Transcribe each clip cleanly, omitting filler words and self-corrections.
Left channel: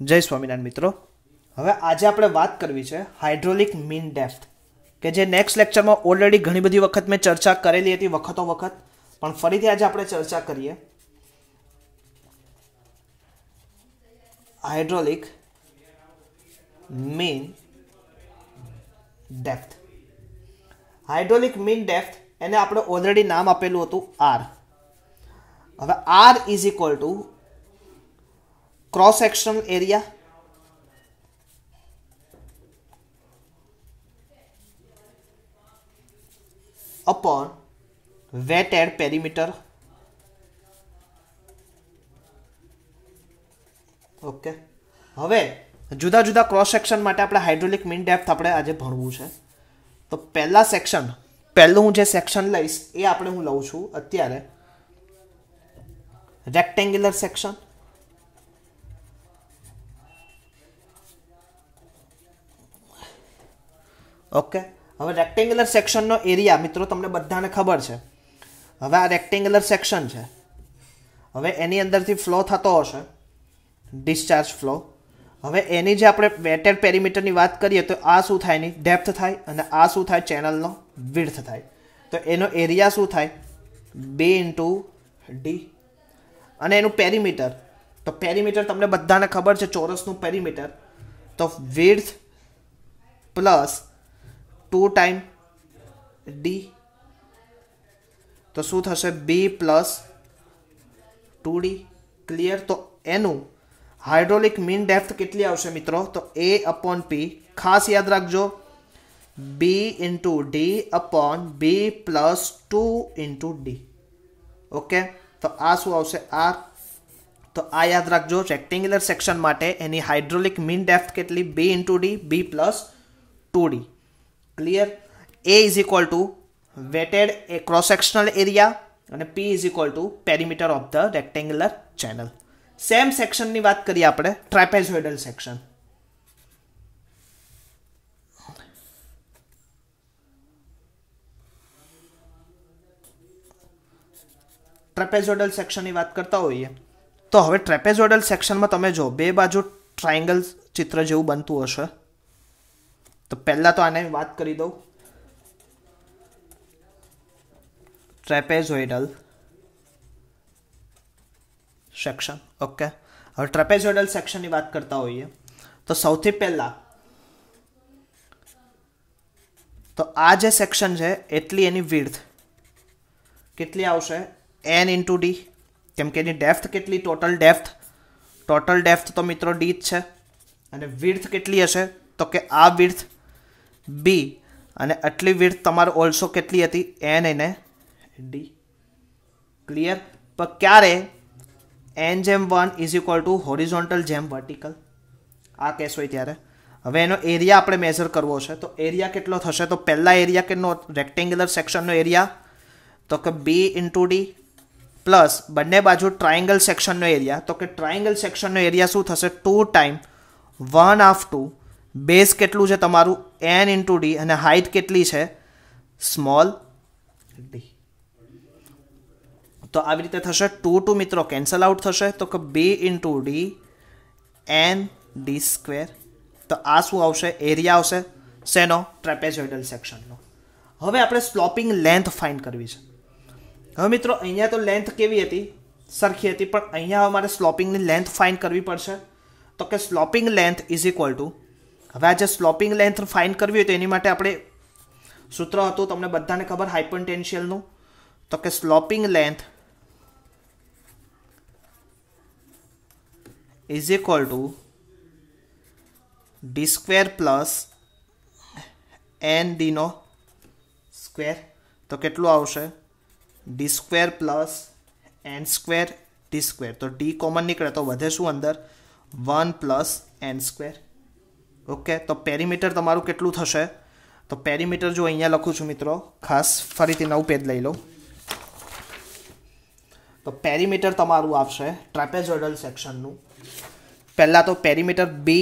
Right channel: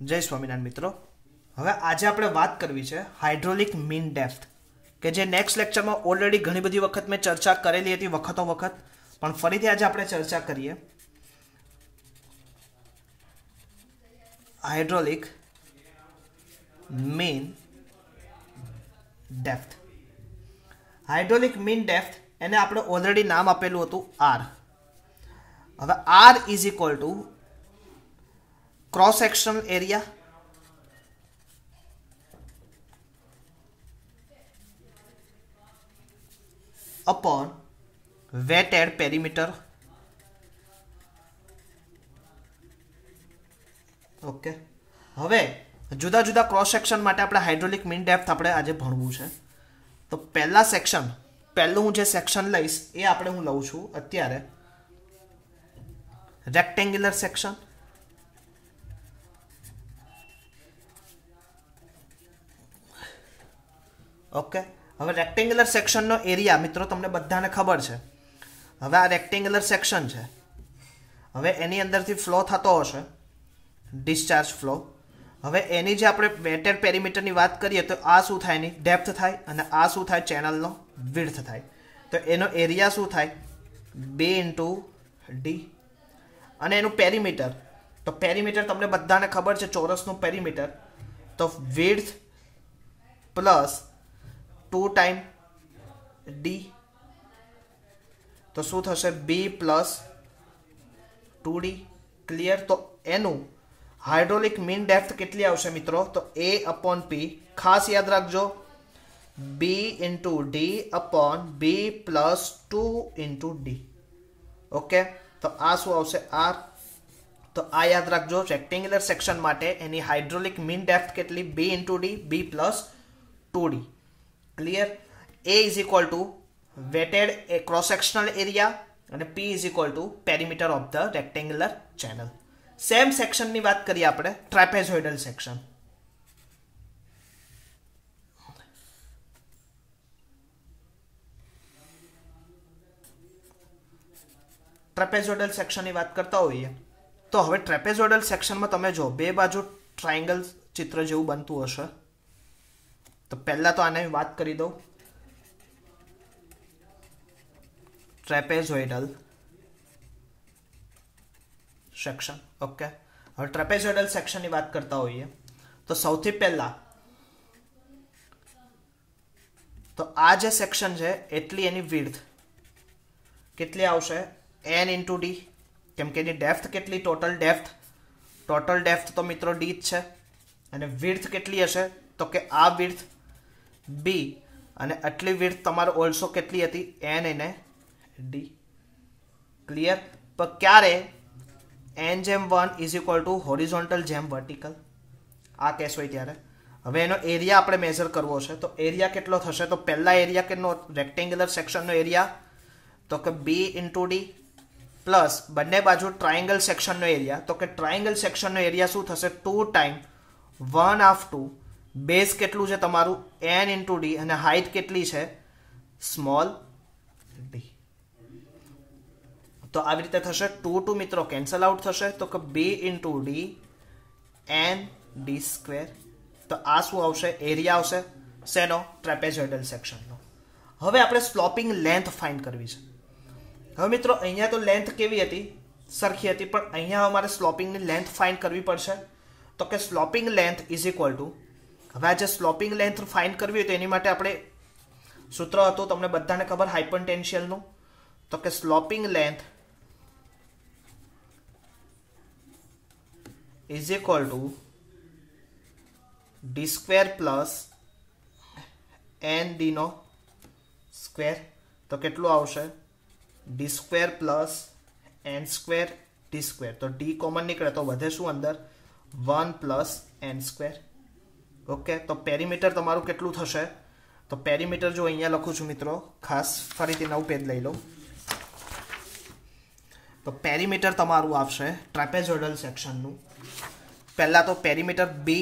जय स्वामीनारायण मित्रों। હવે આજે આપણે વાત કરવી છે હાઇડ્રોલિક મીન ડેપ્થ કે જે નેક્સ્ટ લેક્ચરમાં ઓલરેડી ઘણી બધી વખત મેં ચર્ચા કરેલી હતી વખતો વખત, પણ ફરીથી આજે આપણે ચર્ચા કરીએ hydraulic mean depth. Hydraulic mean depth એને આપણે ઓલરેડી નામ આપેલું હતું આર। હવે R is equal to cross sectional area upon wetted perimeter. Okay, हवे जुदा जुदा क्रॉस सेक्शन माटे आपणे हाइड्रोलिक मीन डेप्थ आपणे आजे भणवुं छे। तो पहला सेक्शन पहलुं हूँ जे सेक्शन लईश ए आपणे हूँ लઉં છું અત્યારે रेक्टेंग्युलर सेक्शन। ओके, હવે રેક્ટેંગ્યુલર સેક્શનનો એરિયા મિત્રો તમને બધાને ખબર છે। હવે આ રેક્ટેંગ્યુલર સેક્શન છે, હવે એની અંદરથી ફ્લો થતો હશે ડિસ્ચાર્જ ફ્લો। હવે એની જે આપણે વેટેડ પેરીમીટરની વાત કરીએ તો આ શું થાય, એની ડેપ્થ થાય, અને આ શું થાય, ચેનલનો વિડ્થ થાય। તો એનો એરિયા શું થાય, B ઇન્ટુ ડી, અને એનું પેરીમીટર, તો પેરીમીટર તમને બધાને ખબર છે ચોરસનું પેરીમીટર, તો વિડ્થ પ્લસ 2 टाइम डी, तो शू थशे बी प्लस 2d। क्लियर। तो एनु हाइड्रोलिक मीन डेप्थ केटली आवशे मित्रों, तो ए अपॉन पी, खास याद रखजो B into D upon B plus 2 into D. Okay, तो आ शू आवशे आर। तो आ याद रखजो रेक्टेंग्युलर सेक्शन माटे एनी हाइड्रोलिक मीन डेप्थ केटली B into D, B plus 2d। Clear. A is equal to wetted cross sectional area અને P is equal to perimeter of the rectangular channel. Same section ની વાત કરીએ આપણે trapezoidal section. Trapezoidal section ની વાત કરતા હોઈએ તો હવે ટ્રેપેઝોઇડલ સેક્શનમાં તમે જો બે બાજુ ટ્રાયંગલ ચિત્ર જેવું બનતું હશે। तो पहला तो आने बात करी दो ट्रेपेजोइडल सेक्शन। ओके, હવે ट्रेपेजोइडल सेक्शन की बात करता होइए तो સૌથી પહેલા તો આ જે સેક્શન છે એટલી એની વિડ્થ કેટલી આવશે, n * d, કેમ કે એની ડેપ્થ કેટલી, ટોટલ ડેપ્થ તો મિત્રો d જ છે, અને વિડ્થ કેટલી હશે તો કે આ વિડ્થ b, અને આટલી વિડ્થ તમારે ઓલ્સો કેટલી હતી, n અને d। ક્લિયર। પણ ક્યારે n/1 is equal two horizontal જેમ વર્ટિકલ, આ કેસ હોય ત્યારે। હવે એનો એરિયા આપણે મેઝર કરવો છે, તો એરિયા કેટલો થશે, તો પહેલા એરિયા કેટલો, રેક્ટેંગ્યુલર સેક્શનનો એરિયા તો કે b ઇન્ટુ ડી પ્લસ બંને બાજુ ટ્રાયંગલ સેક્શનનો એરિયા, તો કે ટ્રાયંગલ સેક્શનનો એરિયા શું થશે, 2 टाइम 1/2 बेस केटलू है तमारू n इंटू डी, અને हाइट केटली है स्मॉल d। तो आ रीते थशे 2 मित्रों कैंसल आउट थशे, तो कि b into D n d square. तो आ शू आवशे, एरिया आवशे सेनो, ट्रेपेजोइडल सेक्शननो। हवे आपणे स्लोपिंग लेंथ फाइंड करवी छे। हवे मित्रों अहींया तो लेंथ केवी हती, सरखी हती, पण अहींया अमारे स्लोपिंग नी लेंथ फाइंड करवी पड़शे। तो कि sloping length is equal to, હવે આજે સ્લોપિંગ લેન્થ ફાઇન્ડ કરવી હોય તો એની માટે આપણે સૂત્ર હતું તમને બધાને ખબર હાઇપરટેન્શિયલનું, તો કે sloping length is equal to d square plus n d નો સ્ક્વેર। તો કેટલું આવશે, d square plus n square d square. તો ડી કોમન નીકળે તો વધે શું અંદર, 1 પ્લસ n સ્ક્વેર। ओके, तो पेरीमीटर तमारू केटलू थशे, तो पेरीमीटर जो अहींया लखुं छुं मित्रों, खास फरीथी नवुं पेज लई लो, तो पेरीमीटर तमारू आवशे ट्रेपेजोइडल सेक्शननुं। पहला तो perimeter B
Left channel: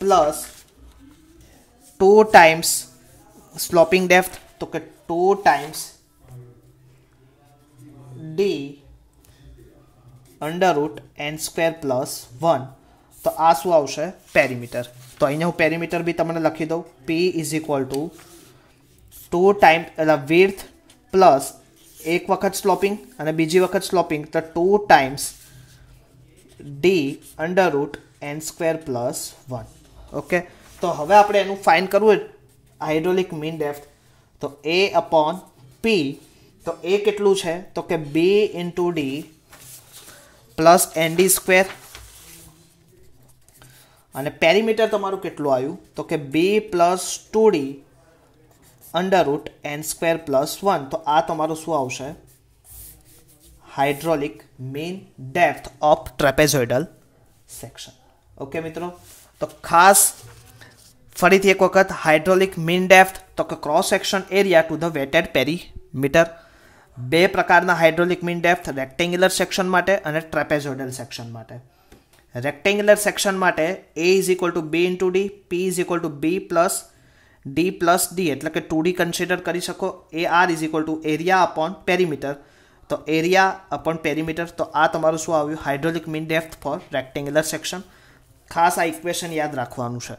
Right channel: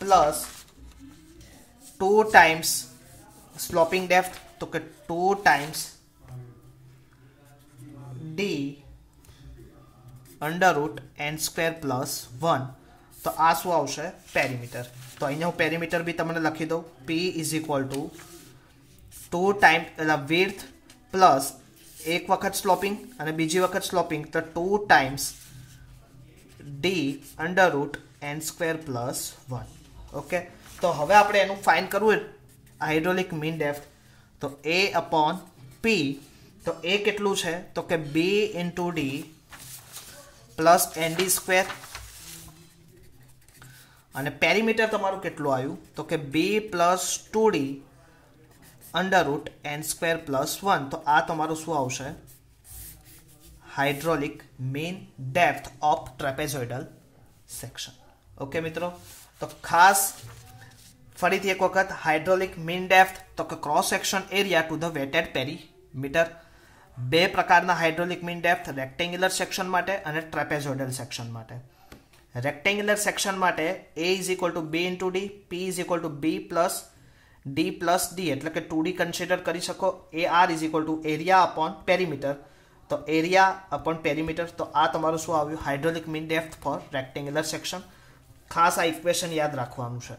plus 2 times sloping depth, तो कि 2 टाइम्स D √n² + 1 તો આ શું આવશે પેરીમીટર તો અહીંયા હું પેરીમીટર બી તમને લખી દઉં p = 2 ટાઈમ એટલે વિડ્થ પ્લસ એક વખત સ્લોપિંગ અને બીજી વખત સ્લોપિંગ તો 2 ટાઈમ્સ d √n² + 1 ઓકે તો હવે આપણે એનું ફાઇન્ડ કરવું હાઇડ્રોલિક મીન ડેપ્થ તો A/P તો એ કેટલું છે તો કે B × D + ND² અને પેરીમીટર તમારું કેટલું આવ્યું તો કે B + 2D √n² + 1 તો આ તમારું શું આવશે hydraulic mean depth of trapezoidal section okay મિત્રો તો ખાસ ફરીથી એક વખત હાઇડ્રોલિક મીન ડેપ્થ તો કે cross section area to the weighted perimeter બે પ્રકારના hydraulic mean depth rectangular section માટે અને ટ્રેપેઝોઇડલ સેક્શન માટે રેક્ટેન્ગ્યુલર સેક્શન માટે A = B × D P = B + D + D એટલે કે 2D કન્સિડર કરી શકો AR = એરિયા અપોન પેરીમીટર તો એરિયા અપોન પેરીમીટર તો આ તમારું શું આવ્યું hydraulic mean depth for rectangular section ખાસ આ ઇક્વેશન યાદ રાખવાનું છે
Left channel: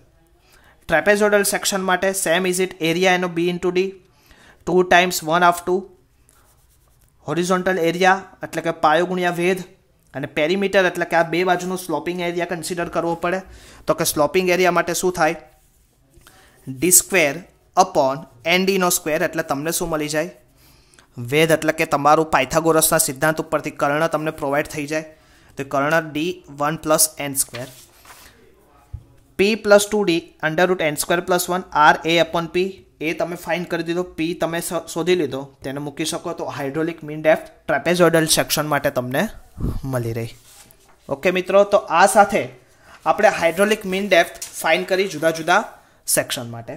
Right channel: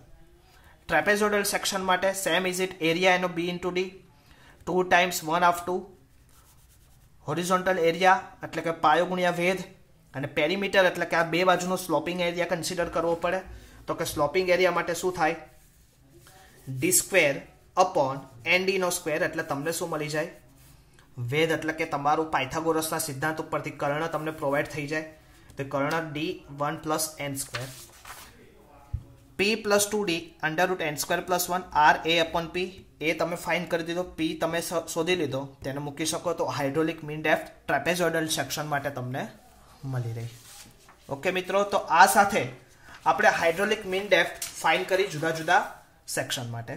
ટ્રેપેઝોઇડલ સેક્શન માટે સેમ ઇઝ ઇટ એરિયા એનો B × D 2 times 1/2 horizontal area એટલે કે પાયો ગુણ્યા વેધ અને પેરીમીટર એટલે કે આ બે બાજુનો સ્લોપિંગ એરિયા કન્સિડર કરવો પડે તો કે સ્લોપિંગ એરિયા માટે શું થાય d² / ND² એટલે તમને શું મળી જાય વેધ એટલે કે તમારું પાયથાગોરસના સિદ્ધાંત ઉપરથી કર્ણ તમને પ્રોવાઈડ થઈ જાય તો કર્ણ D1 + n² P + 2D √n² + 1 R A/P એ તમે ફાઇન્ડ કરી દીધો P તમે શોધી લીધો તેને મૂકી શકો તો hydraulic mean depth trapezoidal section માટે તમને મળી રહી ઓકે મિત્રો તો આ સાથે આપણે હાઇડ્રોલિક મીન ડેપ્થ ફાઇન્ડ કરી જુદા જુદા સેક્શન માટે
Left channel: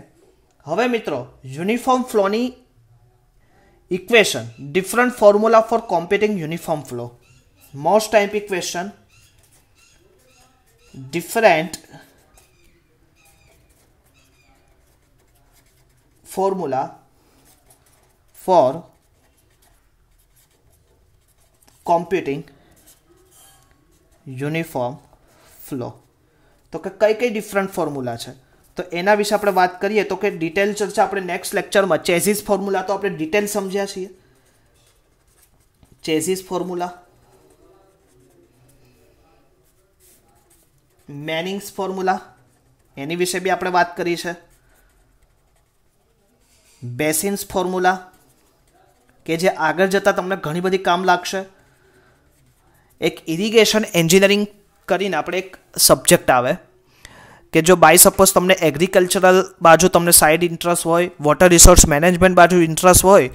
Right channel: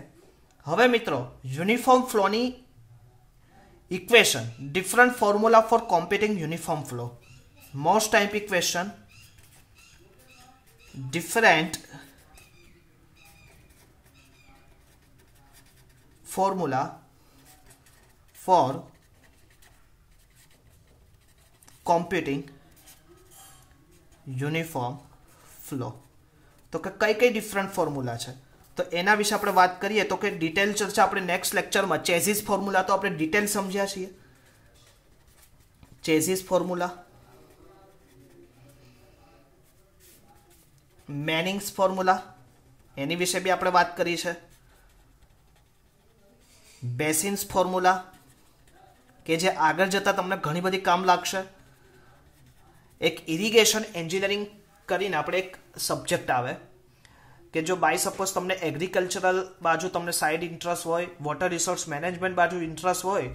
હવે મિત્રો યુનિફોર્મ ફ્લોની equation different formula for computing uniform flow most type equation different formula for computing uniform flow તો કે કઈ ડિફરન્ટ ફોર્મ્યુલા છે તો એના વિશે આપણે વાત કરીએ તો કે ડિટેલ ચર્ચા આપણે નેક્સ્ટ લેક્ચરમાં ચેઝિસ ફોર્મ્યુલા તો આપણે ડિટેલ સમજ્યા છીએ ચેઝિસ ફોર્મ્યુલા મેનિંગ્સ ફોર્મ્યુલા એની વિશે બી આપણે વાત કરી છે બેસિન્સ ફોર્મ્યુલા કે જે આગળ જતાં તમને ઘણી બધી કામ લાગશે એક ઇરિગેશન એન્જિનિયરિંગ કરીને આપણે એક સબ્જેક્ટ આવે કે જો બાય સપોઝ તમને એગ્રીકલ્ચરલ બાજુ તમને સાઇડ ઇન્ટરેસ્ટ હોય વોટર રિસોર્સ મેનેજમેન્ટ બાજુ ઇન્ટરેસ્ટ હોય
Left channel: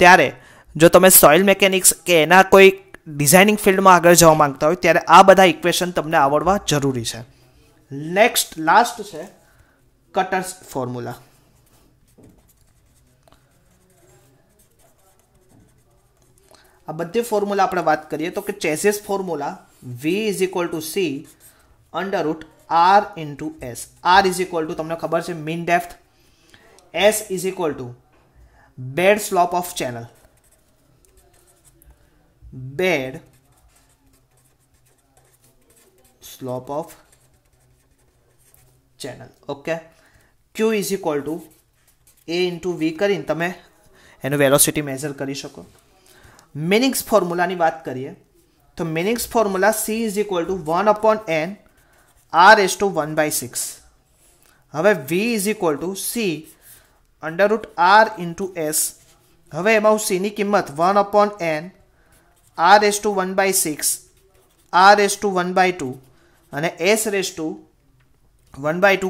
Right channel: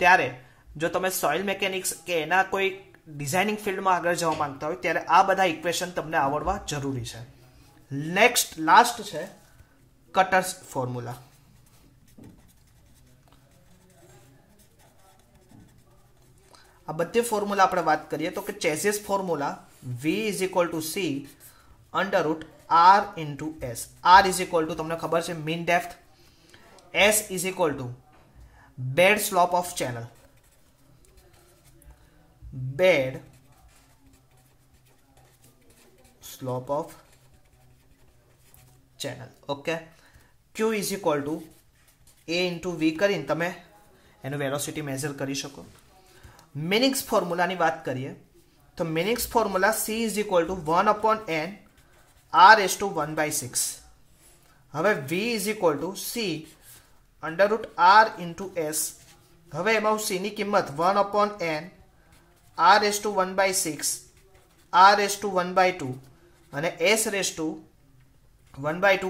ત્યારે જો તમે સોઇલ મિકેનિક્સ કે એના કોઈ ડિઝાઇનિંગ ફિલ્ડમાં આગળ જવા માંગતા હોય ત્યારે આ બધા ઇક્વેશન તમને આવડવા જરૂરી છે લાસ્ટ છે કટર્સ ફોર્મ્યુલા આ બધી ફોર્મ્યુલા આપણે વાત કરીએ તો કે ચેઝિસ formula V = C √R × S R = તમને ખબર છે mean depth S = bed slope of channel bed slope of channel okay Q = A × V કરીને તમે એનું વેલોસિટી મેઝર કરી શકો મિનિંગ્સ ફોર્મ્યુલાની વાત કરીએ તો meanings formula C = 1/n r⁻⁴ હવે V = C √R × S હવે એમાં C ની કિંમત 1/n r⁻⁴ r⁻² અને s⁻²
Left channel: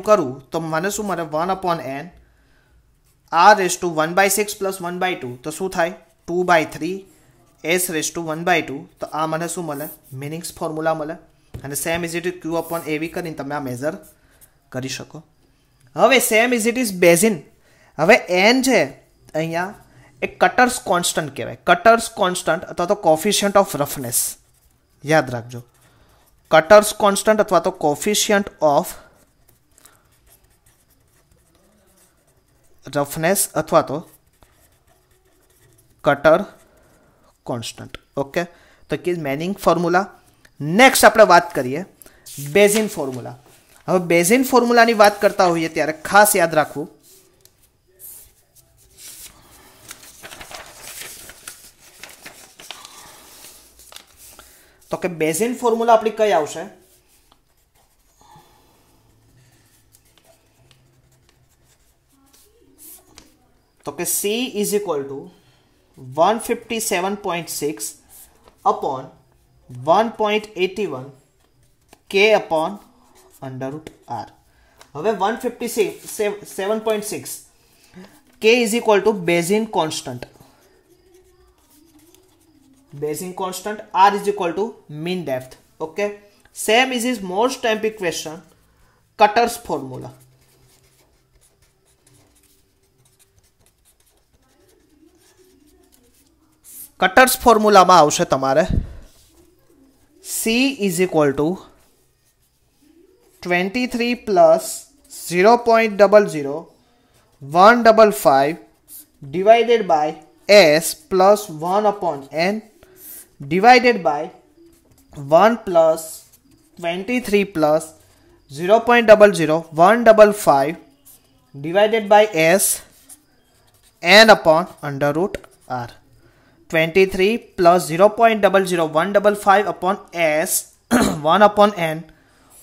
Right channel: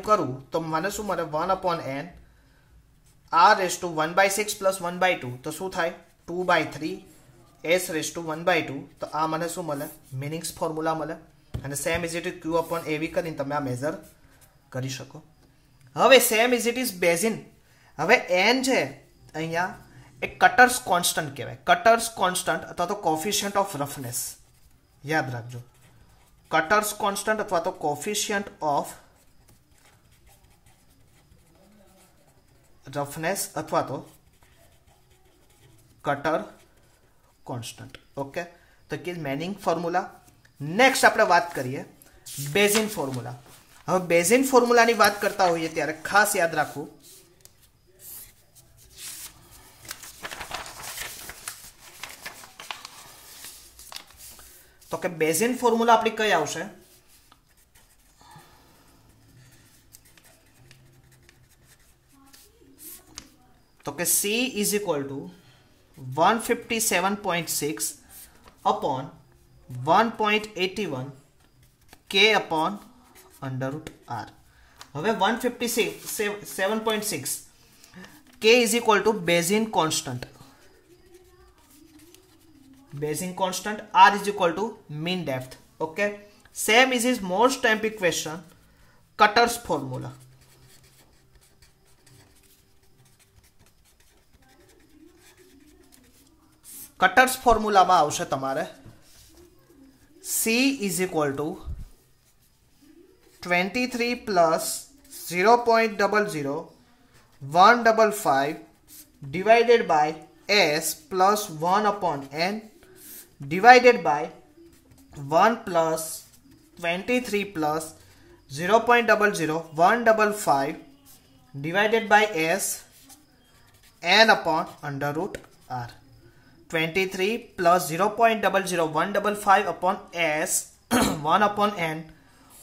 કરું તો મને શું મળે 1/n r⁻⁴ + 1/2 તો શું થાય 2/3 s⁻² તો આ મને શું મળે મિનિંગ્સ ફોર્મ્યુલા મળે અને સેમ ઇઝ ઇટ Q/AV કરીને તમે આ મેઝર કરી શકો હવે same is it is basin હવે n છે અહીંયા એક કટર્સ કોન્સ્ટન્ટ કહેવાય કટર્સ કોન્સ્ટન્ટ અથવા તો કોફિશિયન્ટ ઓફ રફનેસ યાદ રાખજો કટર્સ કોન્સ્ટન્ટ અથવા તો કોફિશિયન્ટ ઓફ રફનેસ અથવા તો કટર કોન્સ્ટન્ટ ઓકે તો કે મેનિંગ ફોર્મ્યુલા નેક્સ્ટ આપણે વાત કરીએ બેઝિન ફોર્મ્યુલા. હવે બેઝિન ફોર્મ્યુલાની વાત કરતા હોઈએ ત્યારે ખાસ યાદ રાખવું તો કે બેઝિન ફોર્મ્યુલા આપણી કઈ આવશે? તો કે C is equal to 157.6 upon 1.81 K upon under root R. હવે 157.6 K is equal to Bézier constant. Bézier constant. R is equal to mean depth. Okay. Same is his most type equation. Cutter's formula. Cutters ફોર્મ્યુલામાં આવશે તમારે C is equal to 23 plus 0.00155 divided by S plus 1 upon N divided by 1 plus 23 plus 0.00155 divided by S N upon under root R. 23 plus 0.00155 upon S 1 upon N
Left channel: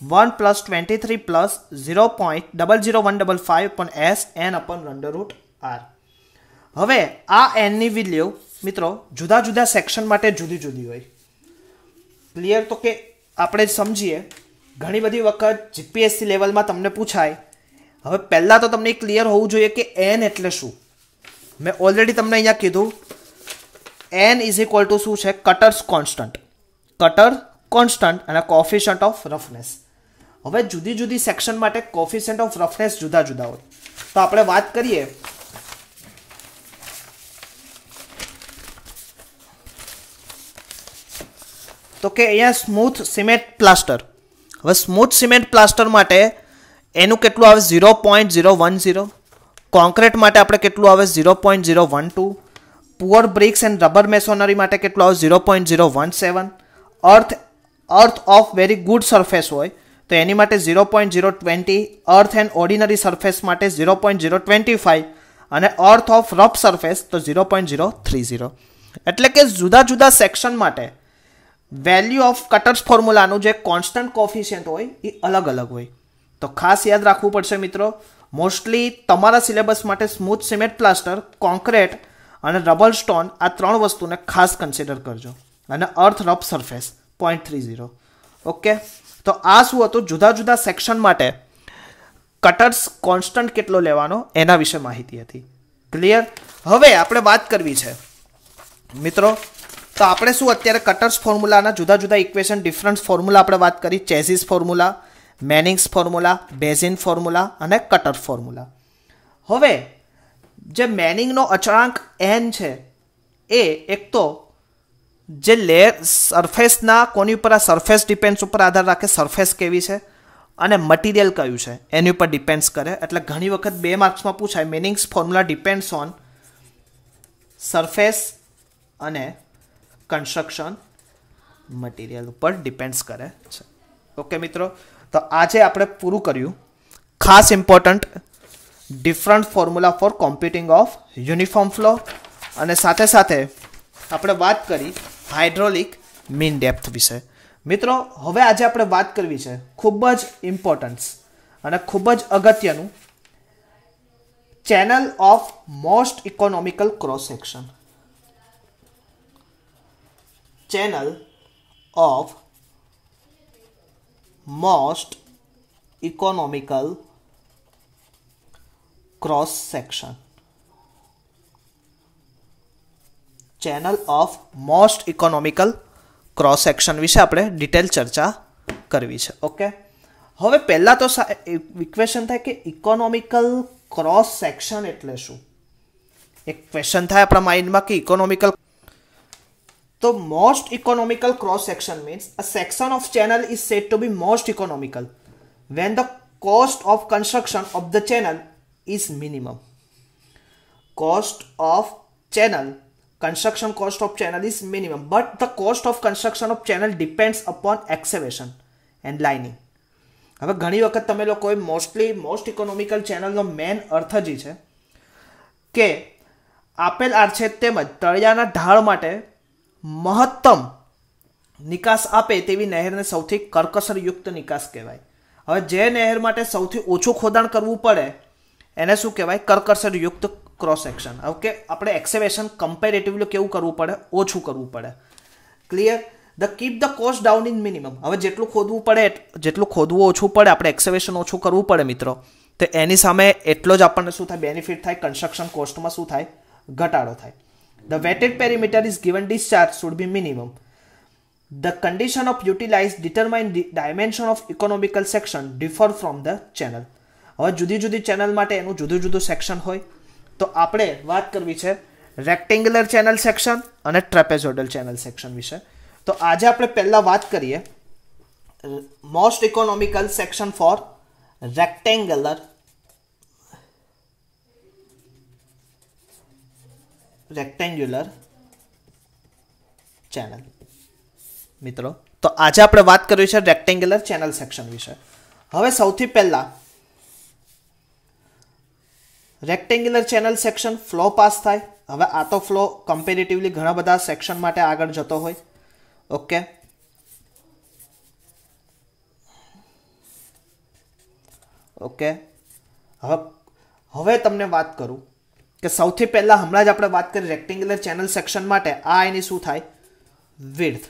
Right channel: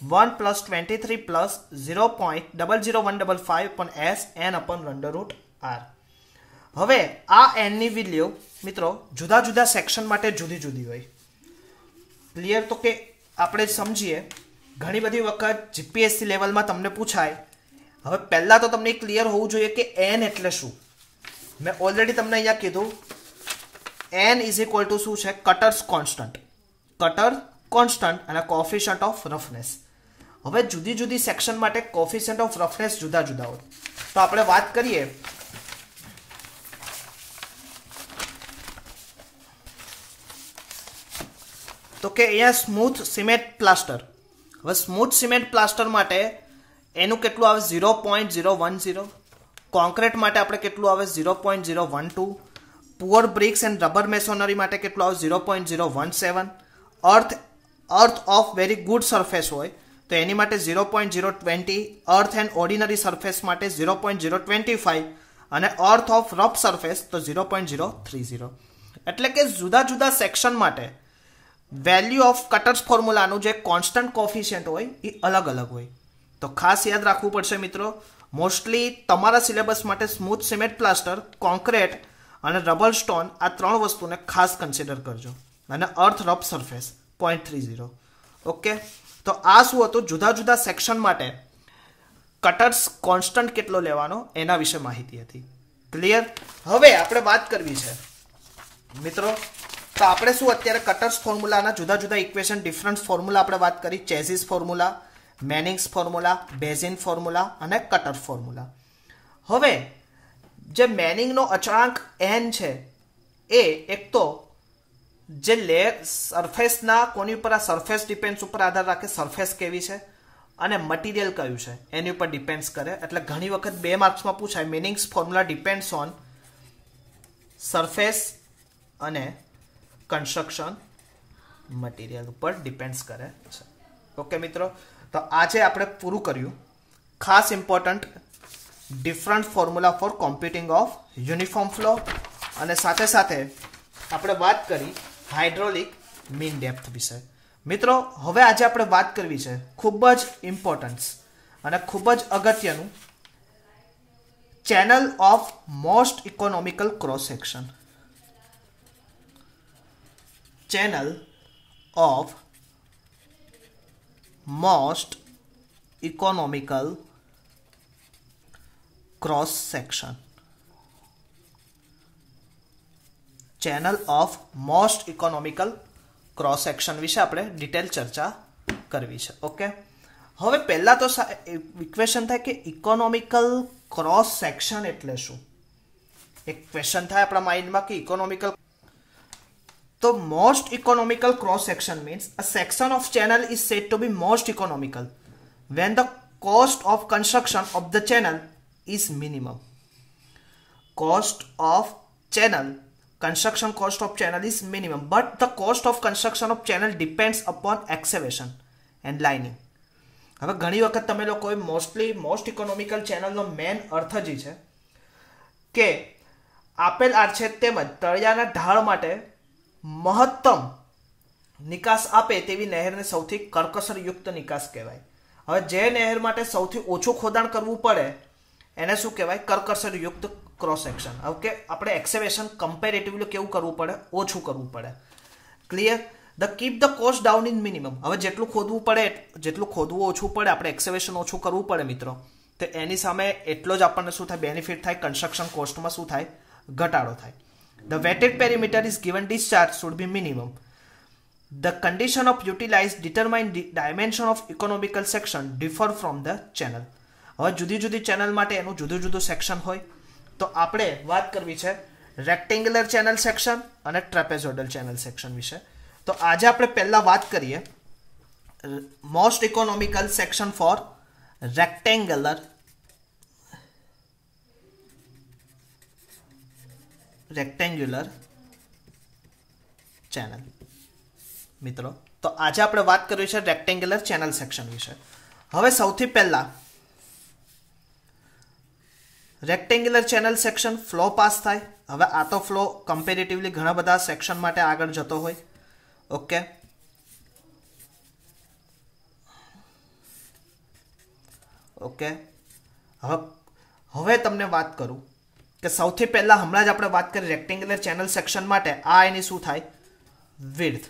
1 plus 23 plus 0.00155 upon S N upon under root R. હવે આ n ની value મિત્રો જુદા જુદા section માટે જુદી જુદી હોય. ક્લિયર? તો કે આપણે સમજીએ ઘણી બધી વખત જીપીએસસી લેવલમાં તમને પૂછાય. હવે પહેલા તો તમને ક્લિયર હોવું જોઈએ કે n એટલે શું. મેં ઓલરેડી તમને અહીંયા કીધું n is equal to શું છે? Cutters constant. કટર કોન્સ્ટન્ટ અને કોફિશિયન્ટ ઓફ રફનેસ. હવે જુદી જુદી સેક્શન માટે કોફિશિયન્ટ ઓફ રફનેસ જુદા જુદા હોય. તો આપણે વાત કરીએ તો કે અહીંયા સ્મૂથ સિમેન્ટ પ્લાસ્ટર. હવે સ્મૂથ સિમેન્ટ પ્લાસ્ટર માટે એનું કેટલું આવે? 0.010. કોન્ક્રીટ માટે આપણે કેટલું આવે? 0.012. પુઅર બ્રિક્સ એન્ડ રબર મેસોનરી માટે કેટલું આવે? 0.017. અર્થ ઓફ વેરી ગુડ સરફેસ હોય તો એની માટે 0.020. અર્થ એન્ડ ઓર્ડિનરી સરફેસ માટે 0.025 અને અર્થ ઓફ રફ સરફેસ તો 0.030. એટલે કે જુદા જુદા સેક્શન માટે વેલ્યુ ઓફ કટર્સ ફોર્મ્યુલાનું જે કોન્સ્ટન્ટ કોફિશિયન્ટ હોય એ અલગ અલગ હોય. તો ખાસ યાદ રાખવું પડશે મિત્રો. મોસ્ટલી તમારા સિલેબસ માટે સ્મૂથ સિમેન્ટ પ્લાસ્ટર, કોન્ક્રીટ અને રબર સ્ટોન આ ત્રણ વસ્તુને ખાસ કન્સિડર કરજો. અને અર્થ રફ સરફેસ 0.30. ઓકે. તો આ શું હતું? જુદા જુદા સેક્શન માટે કટર્સ કોન્સ્ટન્ટ કેટલો લેવાનો એના વિશે માહિતી હતી. ક્લિયર? હવે આપણે વાત કરવી છે મિત્રો. તો આપણે શું અત્યારે કટર્સ ફોર્મ્યુલાના જુદા જુદા ઇક્વેશન ડિફરન્ટ ફોર્મ્યુલા આપણે વાત કરી. ચેઝિસ ફોર્મ્યુલા, મેનિંગ્સ ફોર્મ્યુલા, બેઝિન ફોર્મ્યુલા અને કટર ફોર્મ્યુલા. હવે જે મેનિંગનો અચળાંક n છે એ એક તો જે લેયર સરફેસના કોની ઉપર? આ સરફેસ ડિપેન્ડ્સ ઉપર આધાર રાખે. સરફેસ કેવી છે અને મટીરિયલ કયું છે એની ઉપર ડિપેન્ડ્સ કરે. એટલે ઘણી વખત 2 માર્ક્સમાં પૂછાય મેનિંગ્સ ફોર્મ્યુલા ડિપેન્ડ્સ ઓન સરફેસ અને કન્સ્ટ્રક્શન મટીરિયલ ઉપર ડિપેન્ડ્સ કરે છે. ઓકે મિત્રો. તો આજે આપણે પૂરું કર્યું ખાસ important different formula for computing of uniform flow અને સાથે સાથે આપણે વાત કરી હાઇડ્રોલિક મીન ડેપ્થ વિશે. મિત્રો હવે આજે આપણે વાત કરવી છે ખૂબ જ ઇમ્પોર્ટન્સ અને ખૂબ જ અગત્યનું channel of most economical cross section. Channel of most economical cross section. Channel of most economical cross section વિશે આપણે ડિટેલ ચર્ચા કરવી છે. ઓકે. હવે પહેલા તો ઇક્વેશન થાય કે ઇકોનોમિકલ ક્રોસ સેક્શન એટલે શું? એક ક્વેશ્ચન થાય આપણા માઇન્ડમાં કે ઇકોનોમિકલ. તો most economical cross section means a section of channel is said to be most economical when the cost of construction of the channel is minimum. Cost of channel construction cost of channel is minimum, but the cost of construction of channel depends upon excavation and lining. હવે ઘણી વખત તમે લોકોએ most economical ચેનલનો main અર્થ જ છે કે આપેલ આરછેદ તેમજ તળિયાના ઢાળ માટે મહત્તમ નિકાસ આપે તેવી નહેરને સૌથી કરકસરયુક્ત નિકાસ કહેવાય. હવે જે નહેર માટે સૌથી ઓછું ખોદાણ કરવું પડે એને શું કહેવાય? કરકસરયુક્ત ક્રોસ સેક્શન. ઓકે, આપણે એક્સેવેશન કમ્પેરેટિવલી કેવું કરવું પડે? ઓછું કરવું પડે. Clear? The keep the cost down in minimum. હવે જેટલું ખોદવું પડે, જેટલું ખોદવું ઓછું પડે, આપણે એક્સેવેશન ઓછું કરવું પડે મિત્રો, તો એની સામે એટલો જ આપણને શું થાય? બેનિફિટ થાય. કન્સ્ટ્રક્શન કોસ્ટમાં શું થાય? ઘટાડો થાય. The weighted perimeter is given discharge should be minimum. The condition of utilized determine the dimension of economical section differ from the channel. હવે જુદી જુદી ચેનલ માટે એનું જુદું જુદું સેક્શન હોય. તો આપણે વાત કરવી છે રેક્ટેન્ગ્યુલર ચેનલ સેક્શન અને ટ્રેપેઝોઇડલ ચેનલ સેક્શન વિશે. તો આજે આપણે પહેલા વાત કરીએ most economical section for rectangular channel. મિત્રો, તો આજે આપણે વાત કરવી છે રેક્ટેન્ગ્યુલર ચેનલ સેક્શન વિશે. હવે સૌથી પહેલા rectangular channel section flow pass થાય. હવે આ તો ફ્લો કમ્પેરેટિવલી ઘણા બધા સેક્શન માટે આગળ જતો હોય. Okay, okay. હવે તમને વાત કરું કે સૌથી પહેલા હમણાં જ આપણે વાત કરી રેક્ટેન્ગ્યુલર ચેનલ સેક્શન માટે આ એની શું થાય? વિડ્થ.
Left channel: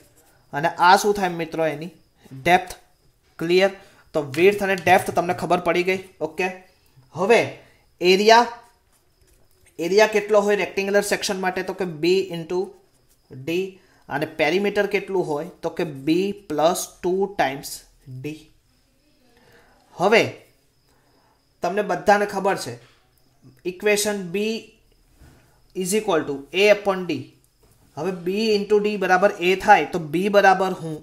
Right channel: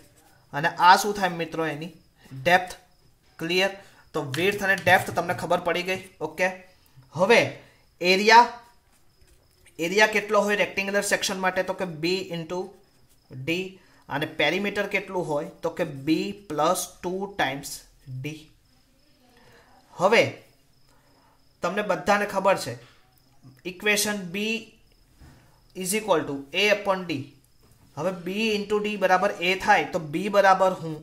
અને આ શું થાય મિત્રો? એની ડેપ્થ. ક્લિયર? તો વિડ્થ અને ડેપ્થ તમને ખબર પડી ગઈ. ઓકે, હવે એરિયા કેટલો હોય રેક્ટેન્ગ્યુલર સેક્શન માટે? તો કે B × D. અને પેરીમીટર કેટલું હોય? તો કે B + 2 ટાઈમ્સ D. હવે તમને બધાને ખબર છે ઇક્વેશન B = A/D. હવે B × D બરાબર A થાય તો B બરાબર હું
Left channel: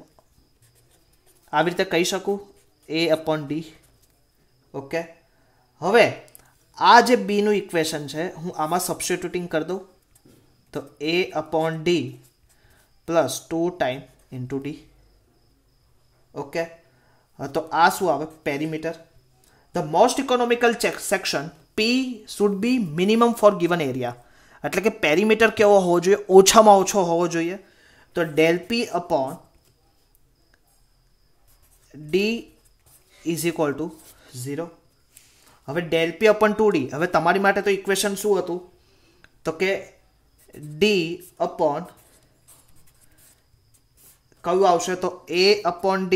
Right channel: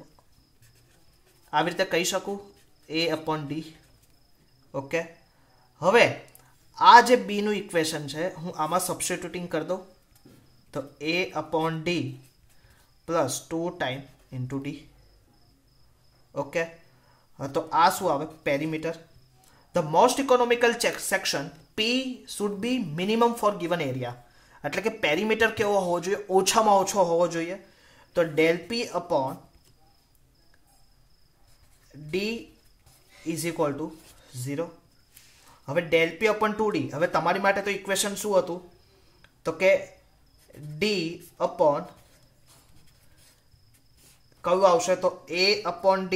આવી રીતે કહી શકું A/D. ઓકે, હવે આ જે B નું ઇક્વેશન છે હું આમાં સબસ્ટિટ્યુટિંગ કરી દઉં તો A/D + 2 ટાઈમ × D. ઓકે, તો આ શું આવે? Perimeter. The most economical section P should be minimum for given area. એટલે કે પેરીમીટર કેવો હોવો જોઈએ? ઓછામાં ઓછો હોવો જોઈએ. તો ∇P/D = 0. હવે ∇P/2D. હવે તમારી માટે તો ઇક્વેશન શું હતું? તો કે D/ કયું આવશે? તો A/D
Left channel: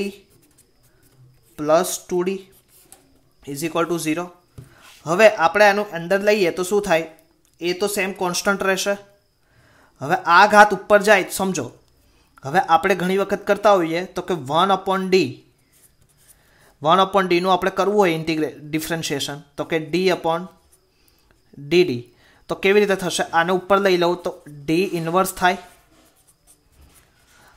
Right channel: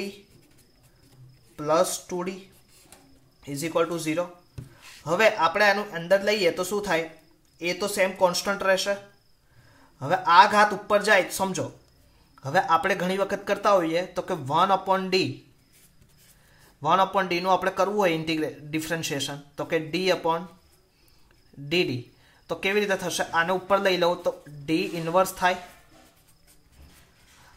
+ 2D = 0. હવે આપણે આનું અંદર લઈએ તો શું થાય? એ તો સેમ કોન્સ્ટન્ટ રહેશે. હવે આ ઘાત ઉપર જાય સમજો. હવે આપણે ઘણી વખત કરતા હોઈએ તો કે 1/D નું આપણે કરવું હોય ડિફરન્શિએશન તો કે D/DD. તો કેવી રીતે થશે? આને ઉપર લઈ લઉં તો D ઇન્વર્સ થાય.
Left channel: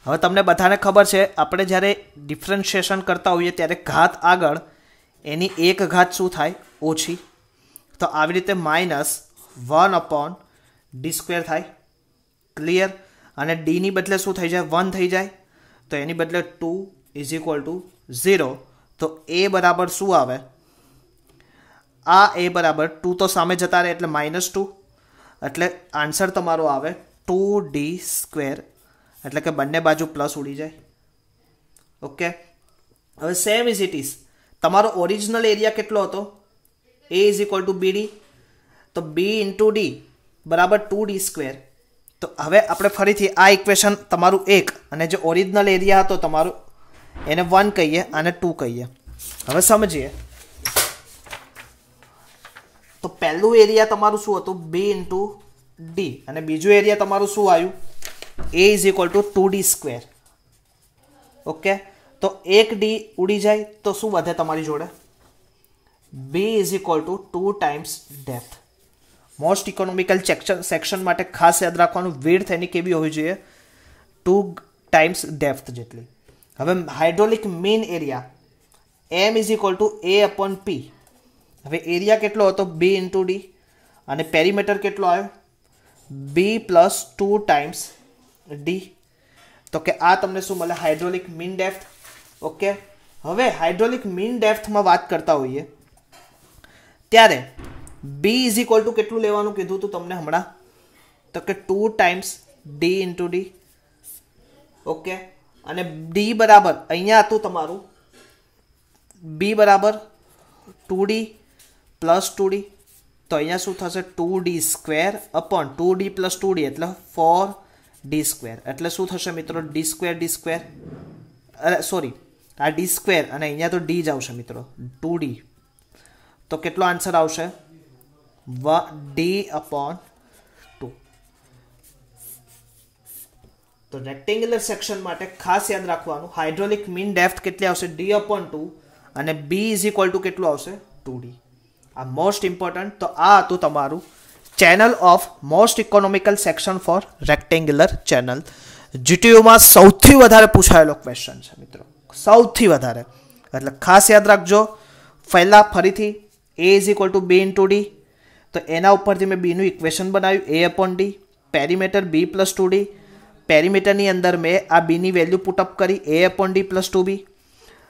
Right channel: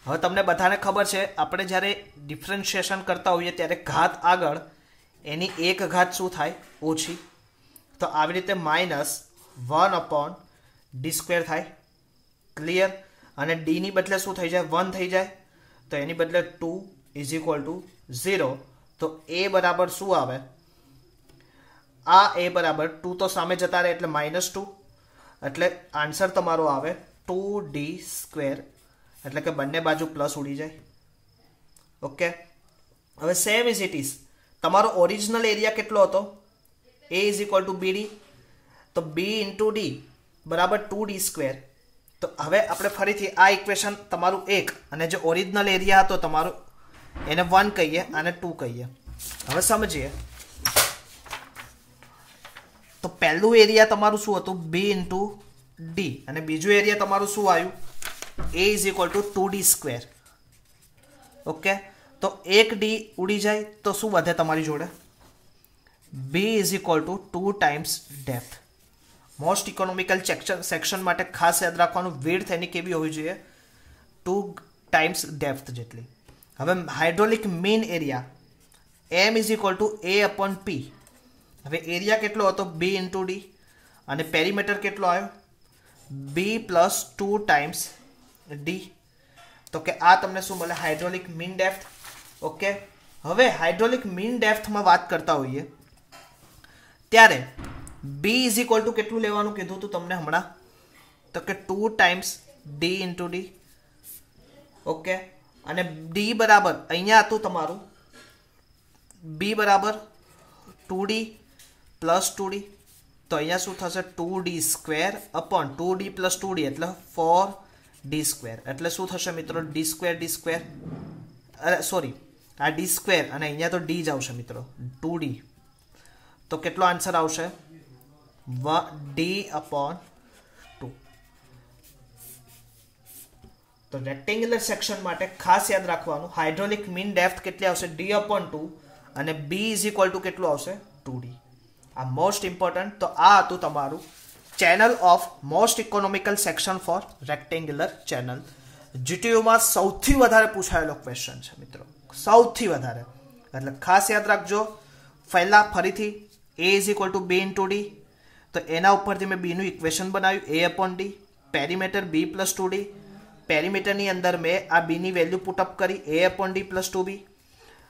હવે તમને બધાને ખબર છે આપણે જ્યારે ડિફરન્શિએશન કરતા હોઈએ ત્યારે ઘાત આગળ એની એક ઘાત શું થાય? ઓછી. તો આવી રીતે -1/D² થાય. ક્લિયર? અને D ની બદલે શું થઈ જાય? 1 થઈ જાય. તો એની બદલે 2 = 0. તો A બરાબર શું આવે? આ A બરાબર 2 તો સામે જતા રહે એટલે -2. એટલે આન્સર તમારો આવે 2D². એટલે કે બંને બાજુ પ્લસ ઉડી જાય. ઓકે, હવે સેમ ઇઝ ઇટ ઇઝ તમારો ઓરિજિનલ એરિયા કેટલો હતો? A = BD. તો B × D બરાબર 2D². તો હવે આપણે ફરીથી આ ઇક્વેશન તમારું 1 અને જે ઓરિજિનલ એરિયા હતો તમારો એને 1 કહીએ અને 2 કહીએ. હવે સમજીએ તો પહેલું એરિયા તમારું શું હતું? B × D. અને બીજું એરિયા તમારું શું આવ્યું? A = 2D². ઓકે, તો 1D ઉડી જાય તો શું વધે તમારી જોડે? B = 2 times depth. Most economical section માટે ખાસ યાદ રાખવાનું વિડ્થ એની કેવી હોવી જોઈએ? 2 ટાઈમ્સ ડેપ્થ જેટલી. હવે hydraulic mean area M = A/P. હવે એરિયા કેટલો હતો? B × D. અને પેરીમીટર કેટલો આવ્યો? બી પ્લસ 2 ટાઈમ્સ ડી. તો કે આ તમને શું મળે? Hydraulic mean depth. ઓકે, હવે હાઇડ્રોલિક મીન ડેપ્થમાં વાત કરતા હોઈએ ત્યારે બી ઇઝ ઇક્વલ ટુ કેટલું લેવાનું કીધું હતું તમને હમણાં? તો કે 2 times D into D. Okay, અને ડી બરાબર અહીંયા હતું તમારું બી બરાબર 2d પ્લસ 2d. તો અહીંયા શું થશે? 2d square upon 2d plus 2d એટલે 4d સ્ક્વેર. એટલે શું થશે મિત્રો? ડી સ્ક્વેર સોરી, આ ડી સ્ક્વેર અને અહીંયા તો ડી જ આવશે મિત્રો, 2d. તો કેટલો આન્સર આવશે? D upon 2. તો રેક્ટેંગ્યુલર સેક્શન માટે ખાસ યાદ રાખવાનું, હાઇડ્રોલિક મીન ડેપ્થ કેટલી આવશે? ડી અપોન 2 અને બી ઇઝ ઇક્વલ ટુ કેટલું આવશે? 2d. આ મોસ્ટ ઇમ્પોર્ટન્ટ. તો આ હતું તમારું channel of most economical section for rectangular channel. જીટીયુમાં સૌથી વધારે પૂછાયેલો ક્વેશ્ચન છે મિત્રો, સૌથી વધારે. એટલે ખાસ યાદ રાખજો. પહેલા ફરીથી a is equal to b into d. તો એના ઉપરથી મેં બીનું ઇક્વેશન બનાવ્યું, a upon d. Perimeter b plus 2d. પેરીમીટરની અંદર મેં આ બીની વેલ્યુ પુટઅપ કરી, a upon d plus 2b.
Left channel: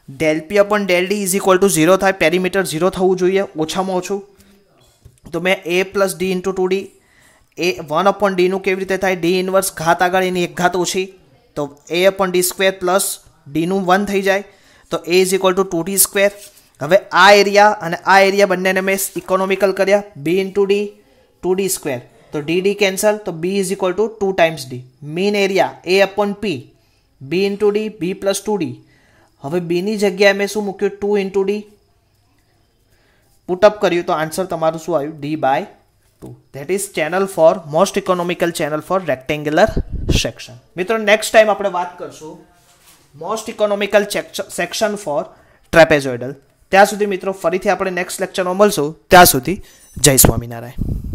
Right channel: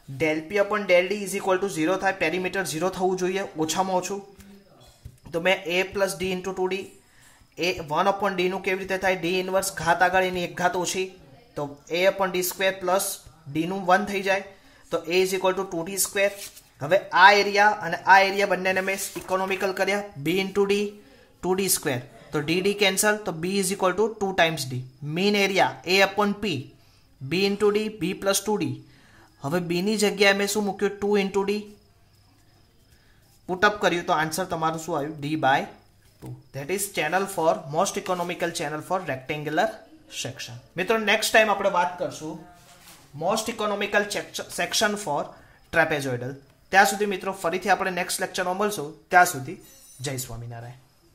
Del p upon del d is equal to 0 થાય. પેરીમીટર 0 થવું જોઈએ ઓછામાં ઓછું. તો મેં એ પ્લસ ડી ઇન્ટુ 2d. એ 1 અપોન ડીનું કેવી રીતે થાય? ડી ઇનવર્સ ઘાત આગળ એની એક ઘાત ઓછી, તો a upon d square plus ડીનું 1 થઈ જાય. તો a is equal to 2d square. હવે આ એરિયા અને આ એરિયા બંનેને મેં ઇકોનોમિકલ કર્યા, B into D 2d square. તો ડી ડી કેન્સલ, તો B is equal to 2 times D. Mean area A upon P, B into D, B plus 2d. હવે બીની જગ્યાએ મેં શું મૂક્યું? 2 ઇન્ટુ ડી પુટઅપ કર્યું, તો આન્સર તમારું શું આવ્યું? D by 2. That is channel for most economical channel for rectangular section. મિત્રો નેક્સ્ટ ટાઈમ આપણે વાત કરશું most economical section for trapezoidal. ત્યાં સુધી મિત્રો ફરીથી આપણે નેક્સ્ટ લેક્ચરમાં મળશું. ત્યાં સુધી જય સ્વામિનારાયણ.